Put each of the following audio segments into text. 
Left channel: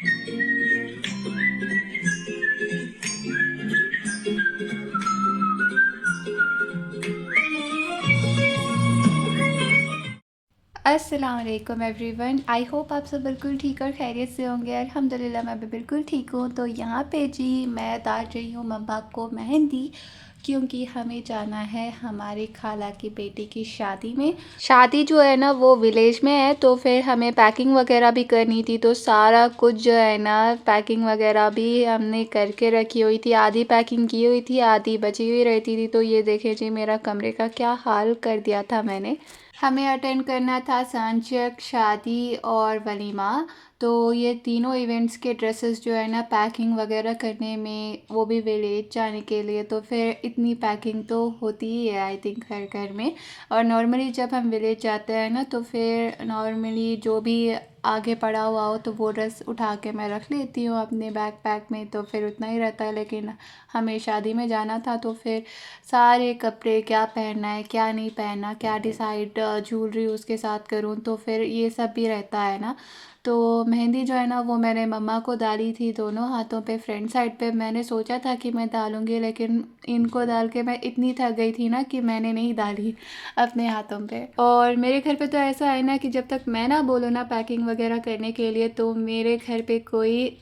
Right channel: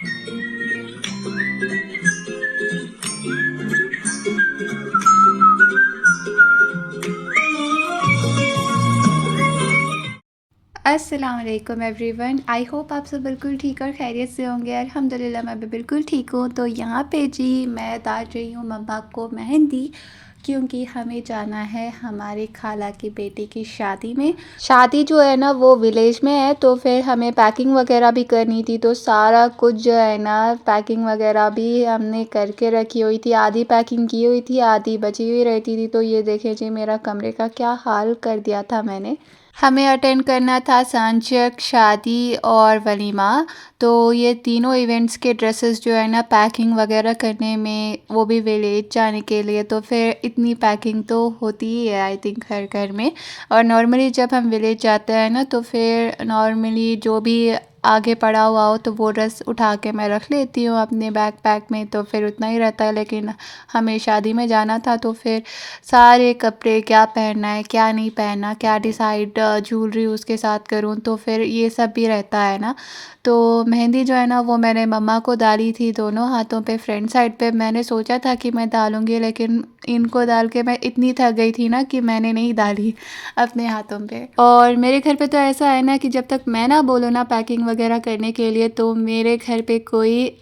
अस्सलाम वालेकुम everyone. I hope आप सब बिल्कुल ठीक और खैरियत से होंगे। अल्हम्दुलिल्लाह मैं भी बिल्कुल ठीक हूँ। तो यहाँ पे जी मैं डाल रही हूँ मम्मा को मेहंदी, क्योंकि हमें जाना है हमारी खाला की बेटी की शादी में। शादी जो है ना वो विलेज में है, तो फिर हमें पैकिंग वगैरह भी करनी थी। तो सारा कुछ जो है ना पैकिंग वगैरह भी हमने करके रखी हुई थी। आधी पैकिंग की हुई थी, आधी बची हुई रहती थी। तो ये देखें जी मेरा कमरे का क्या हाल कर दिया था मैंने। हमें अटेंड करना था सांचक, शादी और वलीमा। तो ये तीनों इवेंट्स के ड्रेसेस जो है ना पैकिंग वगैरह करने में, वो भी विलेज जाने के लिए, तो फिर इतनी पैकिंग तो होती ही है आई थिंक हर घर में। और नॉर्मली जब हम विलेज जाते हैं ना तो फिर नॉर्मली जो भी आगे पड़ा हुआ हो तो वो ड्रेस उठा के मैं रख लेती हूँ अपने बैग पैक में, तो फिर उतना ही रहता है। लेकिन हमें शादी में जाना था तो फिर सारे कपड़े, क्या पहनना है क्या नहीं पहनना, क्या डिसाइड ज्वेलरी उसके साथ करूँ, तो फिर ये सब भी रहता है ना। तो मेहंदी जो है ना वो मैंने मम्मा को डाली थी दोनों हाथों पे, फ्रंट साइड पे। मैंने सोचा था कि मैं डालूँगी, लेकिन इनको डाल के मैं इतनी थक गई थी ना कि मैंने नहीं डाली अपने हाथों पे। और मेरे घर पे तो ऐसा है ना कि जब तक मैं ना बोलूँ ना पैकिंग वगैरह करने के लिए, तो मेरे घर पे कोई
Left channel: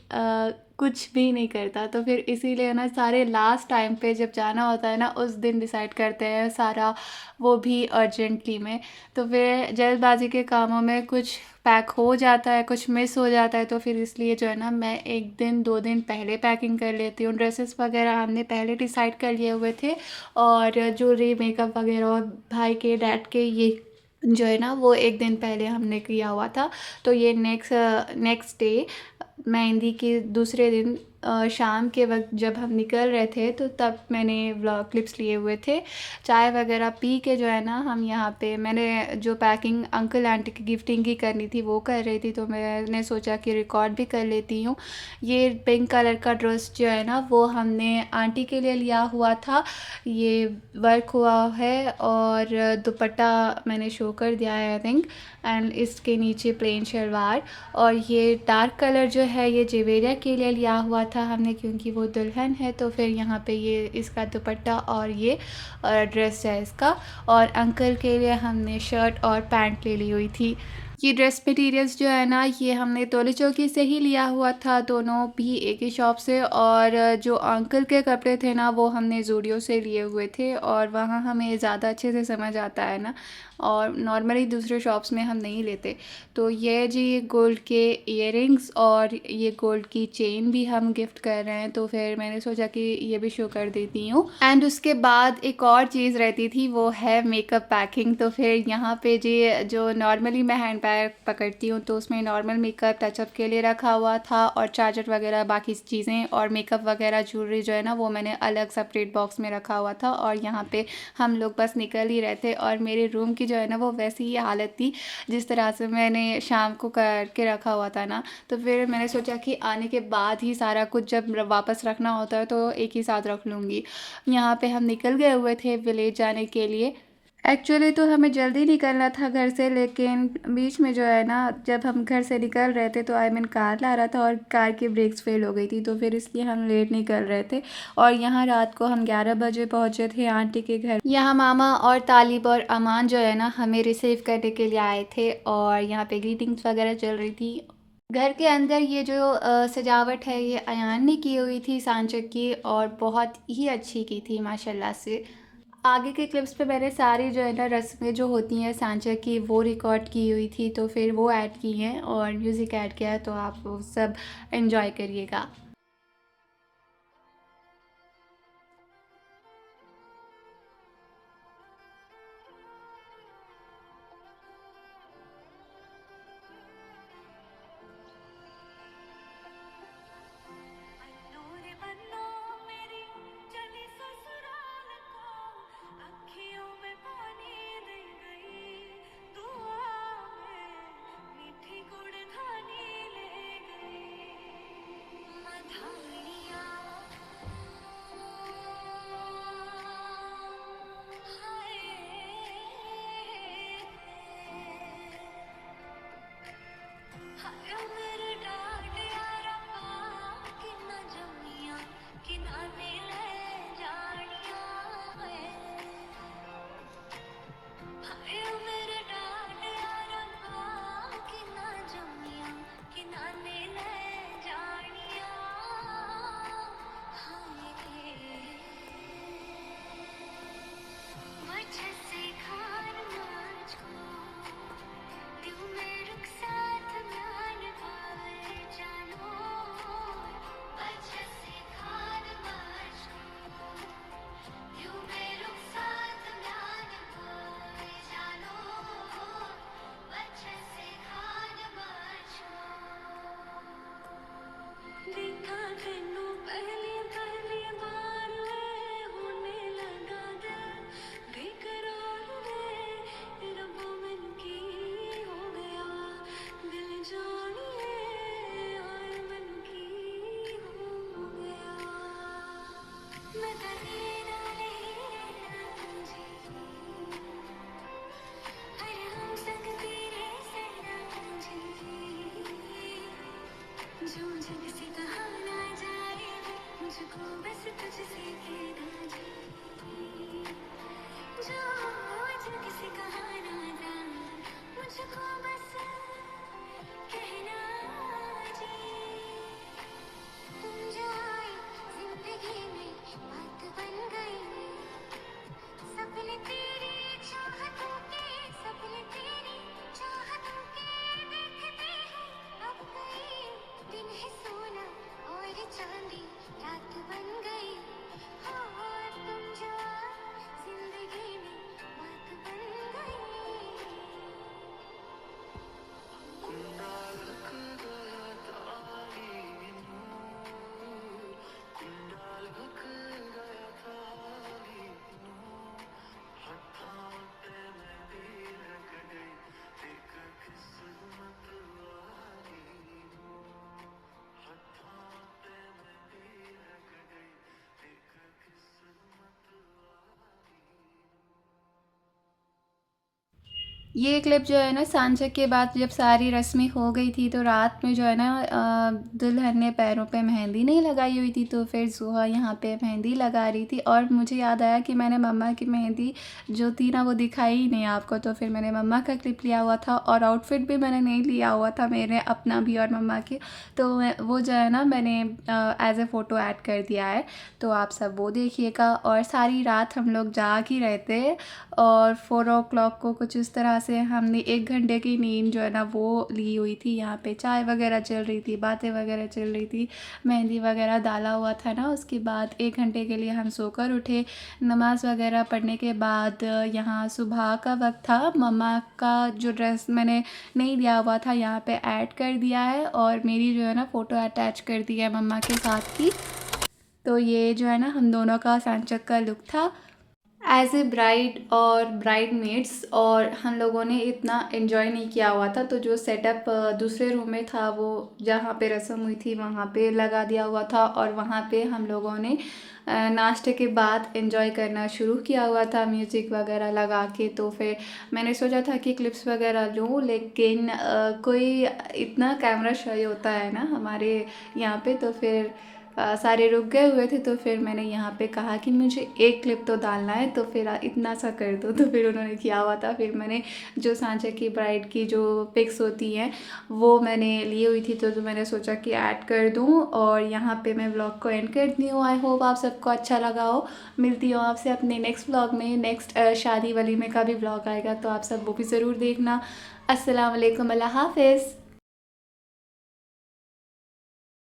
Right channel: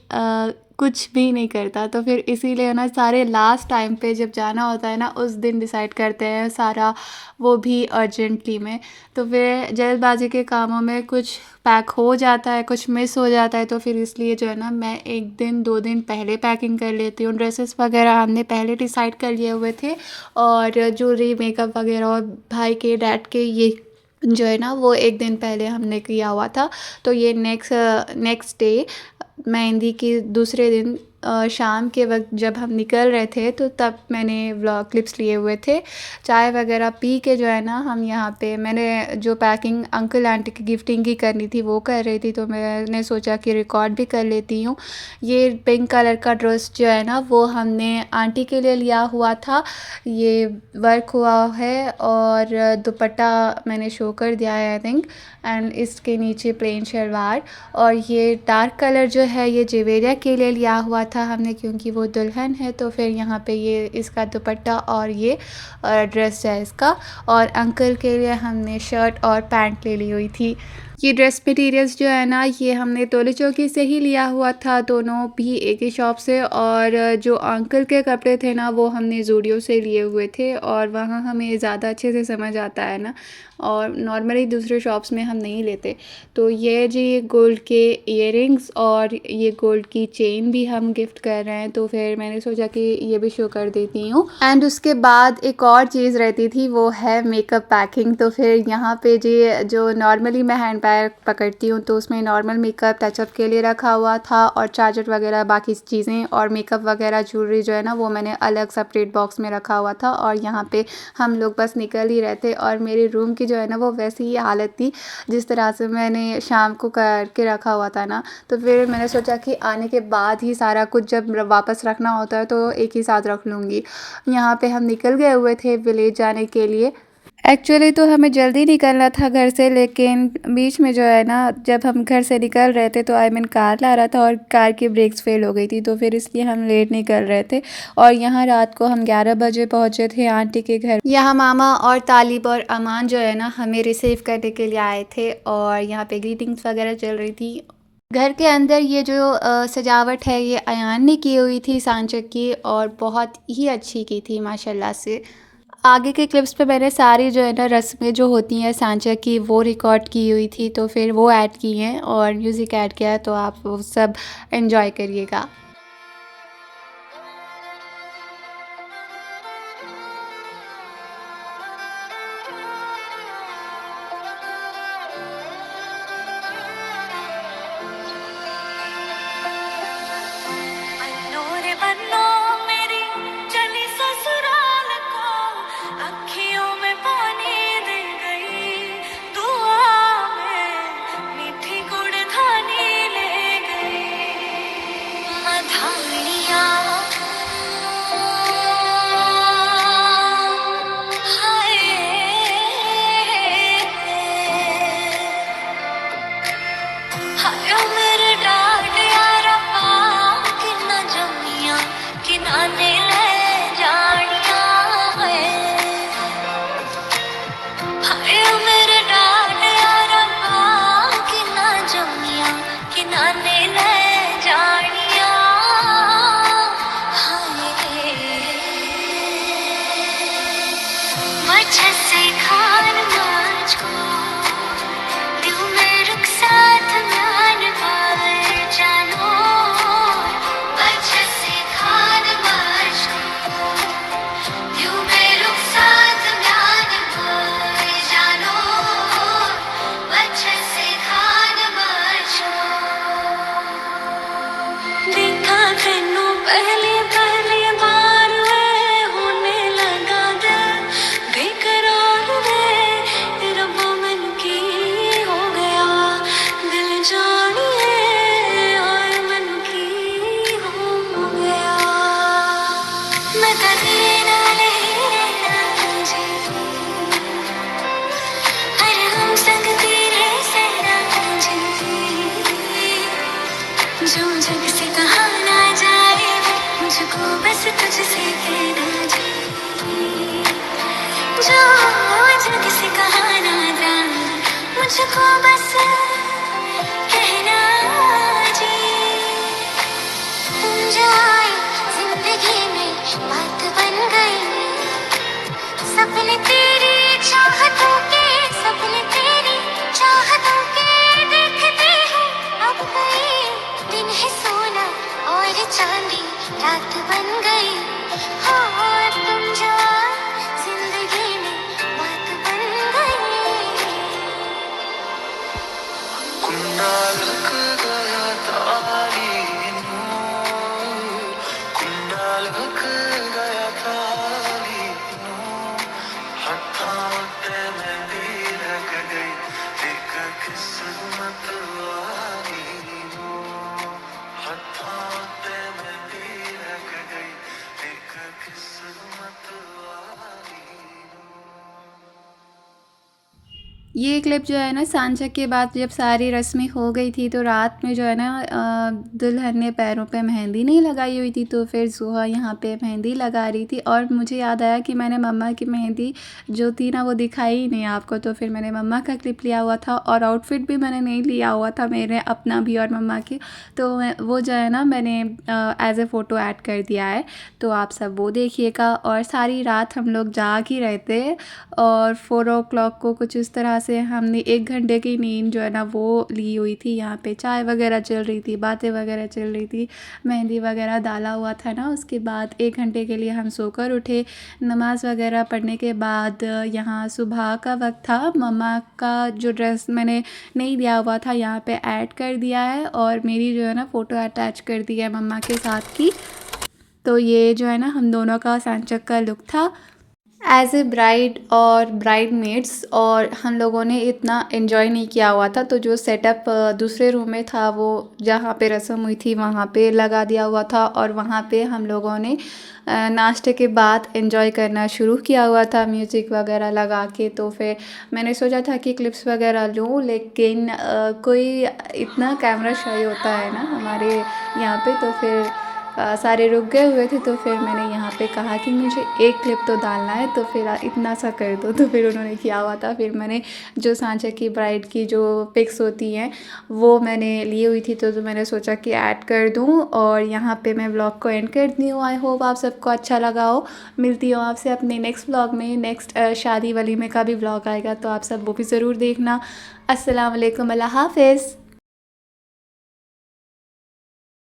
कुछ भी नहीं करता। तो फिर इसीलिए ना सारे लास्ट टाइम पे जब जाना होता है ना उस दिन डिसाइड करते हैं सारा, वो भी अर्जेंटली में। तो फिर जल्दबाजी के कामों में कुछ पैक हो जाता है, कुछ मिस हो जाता है। तो फिर इसलिए जो है ना मैं एक दिन दो दिन पहले पैकिंग कर लेती हूँ। ड्रेसेस वगैरह हमने पहले डिसाइड कर लिए हुए थे, और ज्वेलरी, मेकअप वगैरह, और भाई के डैड के ये जो है ना वो एक दिन पहले हमने किया हुआ था। तो ये नेक्स्ट डे मेहंदी के दूसरे दिन शाम के वक्त जब हम निकल रहे थे तो तब मैंने व्लॉग क्लिप्स लिए हुए थे। चाय वगैरह पी के जो है ना हम यहाँ पे, मैंने जो पैकिंग अंकल आंटी की गिफ्टिंग की करनी थी वो कर रही थी, तो मैंने सोचा कि रिकॉर्ड भी कर लेती हूँ। ये पिंक कलर का ड्रेस जो है ना वो हमने आंटी के लिए लिया हुआ था। ये वर्क हुआ है और दुपट्टा मैंने शो कर दिया है आई थिंक, एंड इसके नीचे प्लेन शलवार। और ये डार्क कलर जो है ये जेवेरिया के लिए लिया हुआ था हमने, क्योंकि वो दुल्हन है। तो फिर यहाँ पे ये इसका दुपट्टा और ये ड्रेस है इसका। और अंकल के लिए हमने शर्ट और पैंट ले ली हुई थी। ये ड्रेस मटेरियल्स जो है ना ये हमने तोले चौकी से ही लिया हुआ था, दोनों भी एक ही शॉप से। और जो अंकल के कपड़े थे ना वो हमने ज़ूडियो से लिए हुए थे, और वहाँ हमें ज़्यादा अच्छे से समझ आता है ना, और नॉर्मली दूसरे शॉप्स में हम नहीं लेते। तो ये जी गोल्ड के इयररिंग्स और ये गोल्ड की चेन भी हम गिफ्ट कर रहे हैं, तो फिर मैंने सोचा कि ये भी शो कर देती हूँ। एंड उसके बाद एक और चीज़ रहती थी, वो है मेकअप पैकिंग। तो फिर यहाँ पे जी जो नॉर्मली मैं हैंड बैग पकड़ती हूँ तो उसमें नॉर्मल मेकअप टचअप के लिए रखा हुआ था, और चार्जर वगैरह बाकी चीज़ें और मेकअप वगैरह ज्वेलरी जो है ना वो मैंने अलग सेपरेट बॉक्स में रखा हुआ था। और यहाँ पे हम लोग बस निकल ही रहे थे, और मेरे रूम की जो है ना वो वैसी ही हालत थी जिस तरह से मैंने शाम को करके रखा हुआ था ना। तो फिर मैंने सोचा कि आने के बाद ही सारा कुछ जब वापस रखना होता है तो एक ही साथ रख लूँगी। यहाँ पे हम निकल गए हुए थे विलेज जाने के लिए। एक्चुअली तो हमें जल्दी निकलना था घर से, लेकिन बीच में जो है ना जब हम घर से निकल रहे थे तो आई मीन कार ला रहा था और कार की ब्रेक्स फेल हो गई थी, तो फिर इसलिए हम लेट निकल रहे थे। और यहाँ रात को हम 11 बजे पहुँचे थे आंटी के घर। यहाँ मामा और तालिब और अमान जो है ना हमें रिसीव करने के लिए आए थे, और यहाँ पे ग्रीटिंग्स वगैरह चल रही थी। घर के अंदर ये जो सजावट है ये अयान ने की हुई थी सांचक की, और बहुत ही अच्छी की थी माशाल्लाह से। आगे के क्लिप्स पे मैंने सारी जो है ना रस्में जो होती हैं सांचा की वो रिकॉर्ड की हुई थी, तो फिर वो ऐड की हैं और म्यूज़िक ऐड किया है, तो आप वो सब एंजॉय करिएगा। अन्नू रे बन्नो मेरी चली ससुराल को, अखियों में पानी दे गई, दुआ में मीठी गुड़धानी ले गई। मधानिया हाय हाय मेरे डार्क यारा जो जग से कहा ना जाए, मुझको बस तुझसे कहना जी। जो जग से कहा ना जाए, मुझको बस कहना जी। तुम जो आए जिंदगी में बात बन गई, सपने तेरी चाहतों के, सपने तेरी चाहतों के देखते हैं अब गए। दिन है सोना और चांदी रात बन गई, हाँ तुम जो आए जिंदगी में बात बन गई। कुंडालक गया तालीनु, कुंडालक गया तालीनु, हथों पे मेहंदी लग गई, एक किस्मत वाली नु। हथों पे मेहंदी लग गई, एक किस्मत वाली नु। ये क्लिप जो है ना सांझ के बाद जब सारी रस्में हो गई थी तो रात में जो है ना दुल्हन ने पैरों पे मेहंदी नहीं लगाई हुई थी, तो फिर ज़ुहा यहाँ पे मेहंदी लगा रही थी। और मुझे याद आया कि मैंने मम्मा की मेहंदी जो थी ना वो दिखाई ही नहीं आपको, तो फिर मैंने मम्मा का क्लिप लिया हुआ था और आउटफिट भी मैंने नहीं लिया हुआ था, मेरे अपना भी और मम्मा की। तो वो जो है ना मैंने एज ए फ़ोटो ऐड कर दिया है, तो आप सब वो देखिएगा। और सारी रात हम लोग जाग ही रहे थे और 4 o'clock को कुछ इस तरह से हमने 1 घंटे की नींद जो है ना वो ली हुई थी। यहाँ पे चाय वगैरह चल रही थी, बातें वगैरह चल रही थी, मेहंदी वगैरह डाला हुआ था ना। उसके बाद 1 घंटे के लिए हम सोकर उठे। नमाज़ वगैरह पढ़ने के बाद यहाँ सुबह का वक्त था। मम्मा का जो ड्रेस मैंने नहीं दिया हुआ था यहाँ पे ऐड कर दिया है और मेरी जो है ना फ़ोटो अटैच कर दी है मम्मा के साथ की। तो ये जो है ना हम दोनों का सांचक का लुक था एज ए ब्राइड और ब्राइड मेड्स। और हम लोगों ने इतना एंजॉय नहीं किया हुआ था, तो जो सेटअप दूसरे रूम में था वो जहाँ पे रस्म हुई थी वहाँ पे लगा दिया हुआ था और वहाँ पे हम लोगों ने नाश्ते के बाद एंजॉय करना शुरू किया हुआ था म्यूज़िक वगैरह लगा के। तो फिर मैंने सोचा था कि क्लिप्स वगैरह लूँ, लेकिन कोई इतना कैमरा शाई होता है ना हमारे यहाँ पे, तो फिर सारे रुक गए हुए थे। तो फिर मैंने यहाँ पे कहा कि मुझे एक क्लिप तो डालना है, तो फिर इतना सा कर दो। तो फिर उन्होंने किया हुआ था। फिर मैंने जो सांचे की ब्राइड की जो पिक्स होती हैं वो मैंने ली हुई थी, तो मैंने सोचा कि ऐड कर दूँ और यहाँ पे मैं व्लॉग को एंड कर दी हूँ। आई होप आप सबको अच्छा लगा हो। मिलती हूँ आपसे अपने नेक्स्ट व्लॉग में। नेक्स्ट शादी वलीमे का भी व्लॉग आएगा, तो आप सब वो भी ज़रूर देखना। अस्सलाम वालेकुम, अल्लाह हाफ़िज़।